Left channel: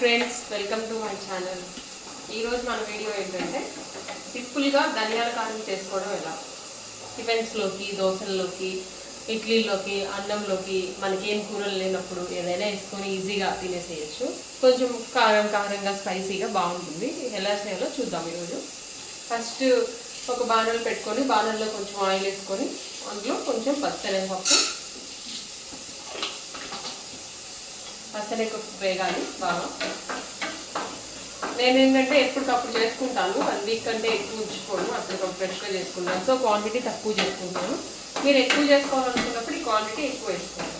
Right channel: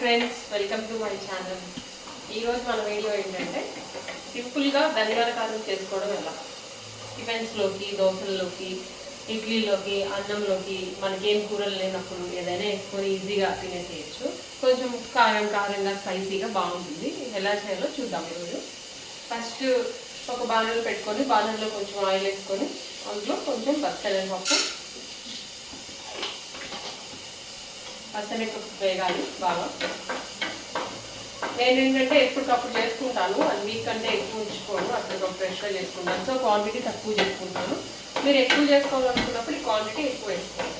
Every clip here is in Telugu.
Friends, welcome to my channel. ఈరోజు మన వీడియో ఏంటంటే సింపుల్గా ధనియాల కారం చేసుకోవడం ఎలా. టిఫిన్స్లోకి, దోశల్లోకి, ఇడ్లీలోకి, అన్నంలోకి మనకేం కూరలు లేనప్పుడు ఏదైనా వేసుకొని ఈజీగా తినేసేయచ్చు. కొంచెం కారంగా స్పైసీగా బాగుంటుంది. ఎలా చేయాలో చూద్దాం ఈరోజు. ఫస్ట్ ఒక బాణలు పెట్టుకొని బాణల్లో కొంచెం ఆయిల్ వేసుకొని అందులో కొంచెం పచ్చనగపప్పు వేగాలి బాగా. నేను ఏంటంటే ఎప్పటికప్పుడు చేసుకుంటాను, 1 వీక్ కంటే ఎక్కువ ఉంచుకోను, అప్పటికప్పుడు ఫ్రెష్గా చేసుకుంటాను. సో క్వాంటిటీ తక్కువ చేసుకుంటాను. మీరు ఎక్కువ చేసుకోవాలనుకున్నప్పుడు ఈ క్వాంటిటీ ఎక్కువ వేసుకోండి.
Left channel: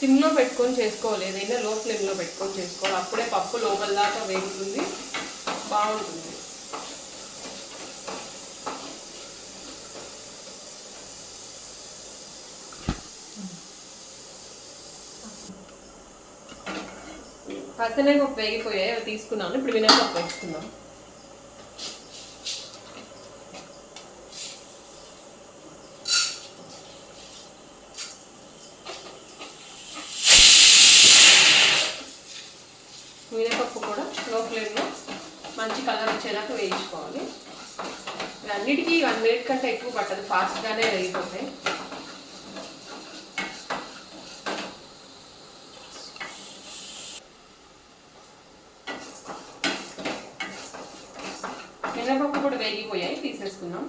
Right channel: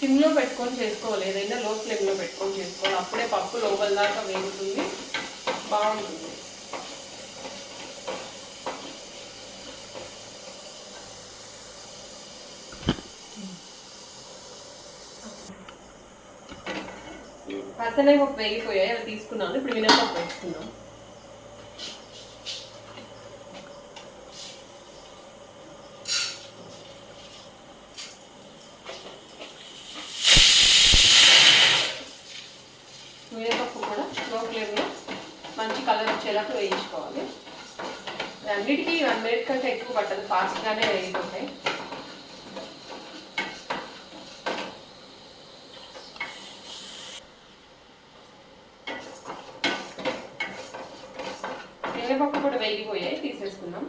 సిమ్లో పెట్టుకొని చేసుకోవాలి, ఏదైనా లో ఫ్లేమ్లో పెట్టుకొని చేసుకోవాలి. అప్పుడే పప్పు లోపల దాకా వేగుతుంది, బాగుంటుంది. పచ్చనగపప్పు వేగిపోయాయి, అవి తీసుకున్నాను. ఇప్పుడు మినపప్పు వేసుకున్నాను. మినపప్పు కూడా లో ఫ్లేమ్లో మంచి కలర్ వచ్చేదాకా వేయించుకోవాలి. అన్నిటికీ 1 మినిట్ కంటే ఎక్కువ పట్టదు, ఫాస్ట్గానే వేగిపోతాయి. మినపప్పు కూడా వేగిపోయాయి, తీసేసుకుందాం.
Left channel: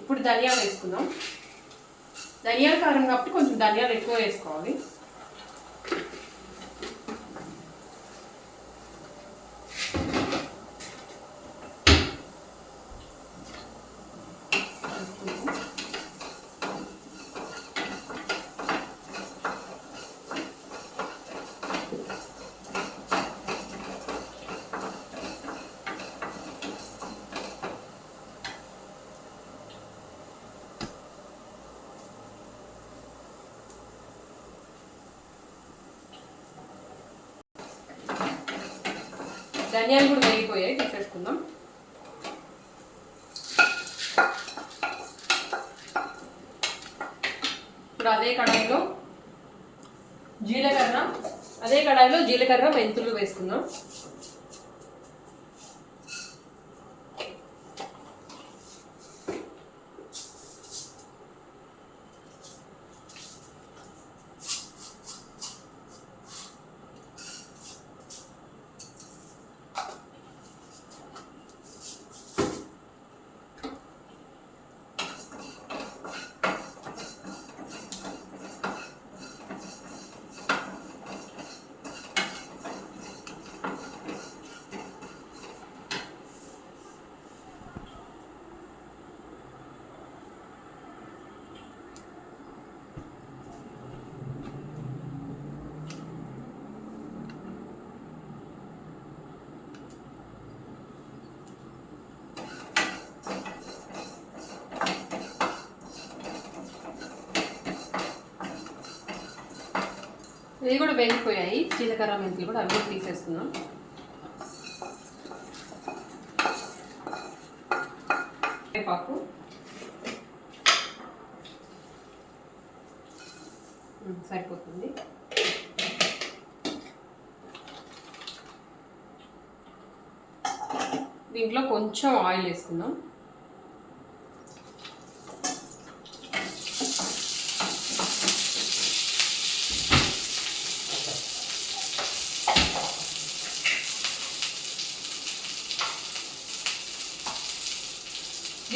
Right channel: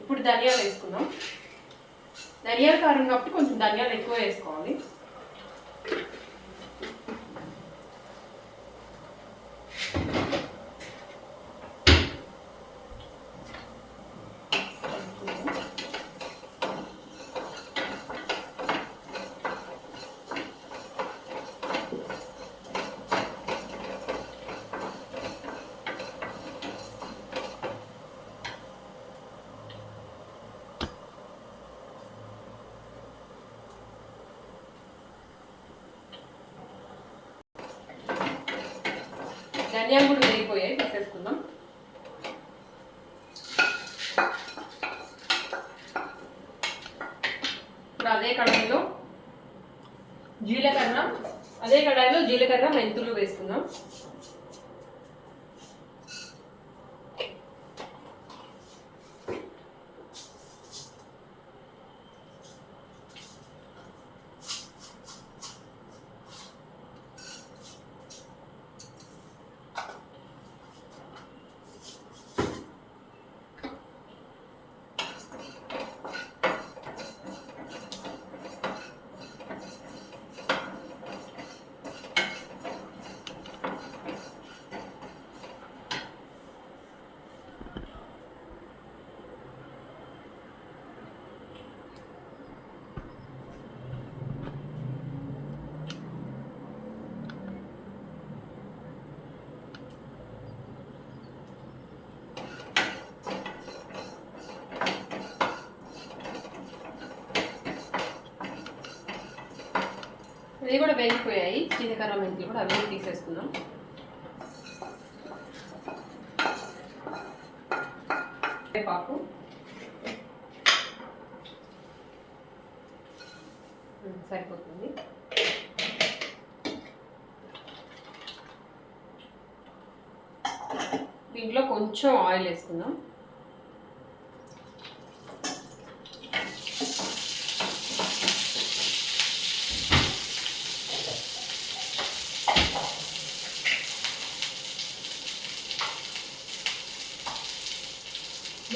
ఇప్పుడు ధనియాలు వేసుకుందాం. ధనియాల కారం కాబట్టి కొంచెం ధనియాలు ఎక్కువ వేసుకోవాలి. ధనియాలు కూడా వేగిపోయాయి, తీసేసుకుందాం. ఇప్పుడు అదే కడాయిలో జీలకర్ర మెంతులు వేసుకుందాం. ఇవి కూడా వేగిపోయాయి, జీలకర్ర మెంతులు కూడా అవి తీసేసుకుందాం. కరివేపాకు, సరిపోతుంది. దీంట్లో కొంచెం ఆయిల్ వేసుకుందాం.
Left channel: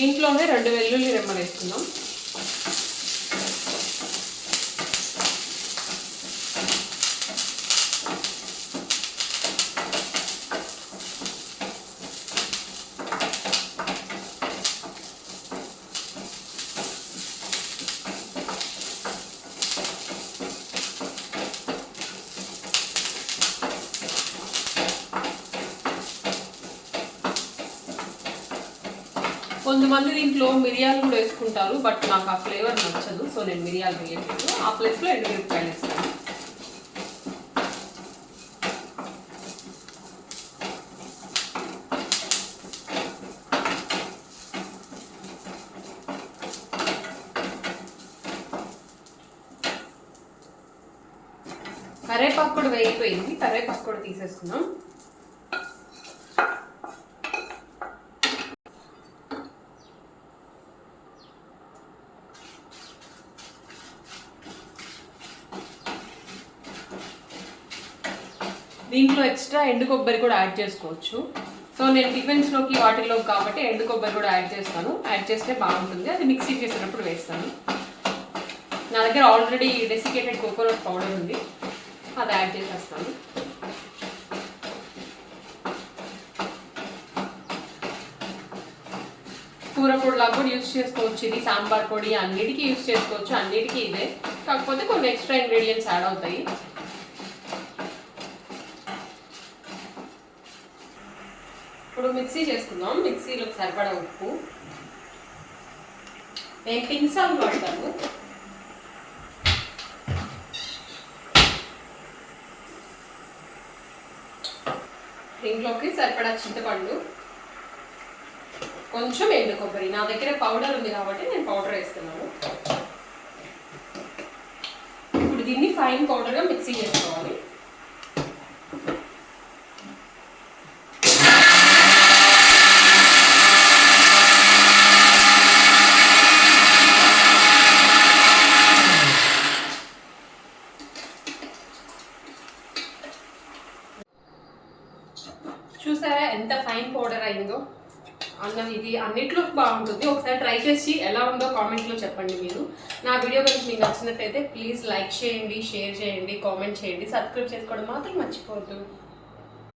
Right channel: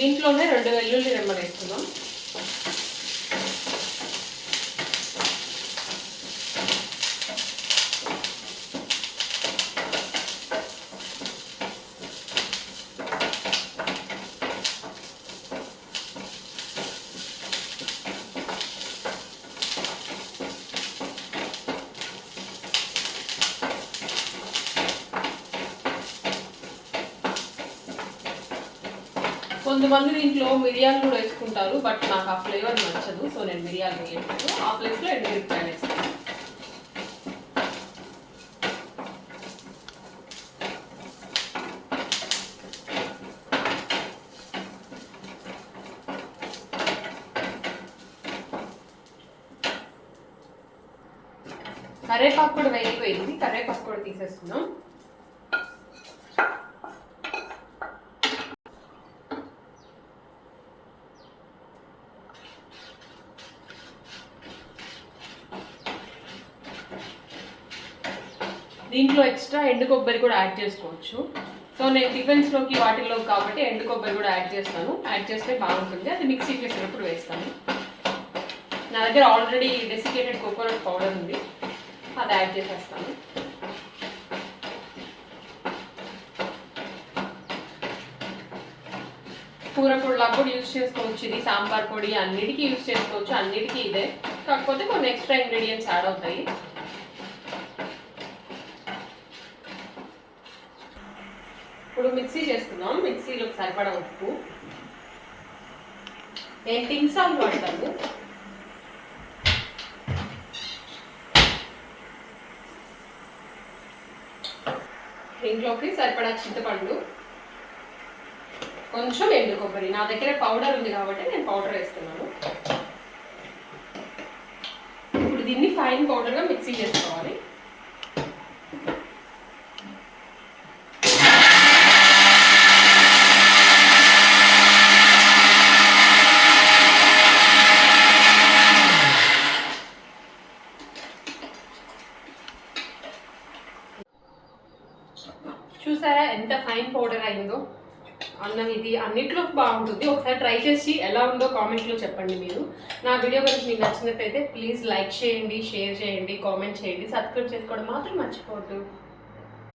దీంట్లోనే 2 వెల్లుల్లి రెమ్మలు వేసుకుందాం. కొంతమంది దీంట్లో మిరియాలు కూడా వేసుకుంటారు, బట్ నాకు ఆ ఫ్లేవర్ నచ్చదు, సో నేను మిరియాలు వేయట్లేదు. ఆ ప్లేస్లో ఎండుమిరపకాయలు వేస్తాను. కరివేపాకు కూడా వేగిపోయింది, కరివేపాకు కూడా తీసేసుకున్నాం. దీంట్లో ఎక్స్ట్రా ఎండు కొబ్బరి కూడా యాడ్ చేసుకోవచ్చు. సో నేను టిఫిన్స్లోకి వాటిల్లో కాబట్టి ఎండు కొబ్బరి కూడా యాడ్ చేస్తాను. యాడ్ చేస్తే బాగుంటుంది. అది మిక్సీ చేసేటప్పుడు వేస్తాను. నా దగ్గర ఆల్రెడీ డెసికేటెడ్ కోకోనట్ పౌడర్ ఉంది, అది యాడ్ చేసేస్తాను. కూర పొడిలా కూడా యూజ్ చేసుకోవచ్చు. ఇది సాంబార్ పొడి అన్నిటికీ యూజ్ చేసుకోవచ్చు. అన్నిటికీ ఇదే, కాకపోతే కొన్ని ఎక్స్ట్రా ఇంగ్రీడియంట్స్ యాడ్ అవుతాయి. ఇప్పుడు మిక్సీ చేసుకుందాం. మిక్సీలోకి సరిపడా ఉప్పు, నేను పింక్ సాల్ట్ వాడతాను. దీంట్లోకి సరిపడా చింతపండు, కొంచెం ఎండు కొబ్బరి. నా దగ్గర పౌడర్ ఉంది కాబట్టి నేను పౌడర్ వేస్తున్నాను. ఇప్పుడు దీన్ని ఫైన్ పౌడర్గా మిక్సీ చేసుకోవాలి. చూసారా ఎంత ఫైన్ పౌడర్ అయిందో? అన్నం ఇది అన్నిట్లో బాగుంటుంది. ఒకసారి ట్రై చేసి ఎలా ఉందో కామెంట్లో చెప్పండి. మీరు నా వీడియో కనుక మీకు నచ్చినట్లయితే ప్లీజ్ లైక్ చేయండి, షేర్ చేయండి, కామెంట్ చేయండి, సబ్స్క్రైబ్ చేసుకోవడం మాత్రం మర్చిపోవద్దు.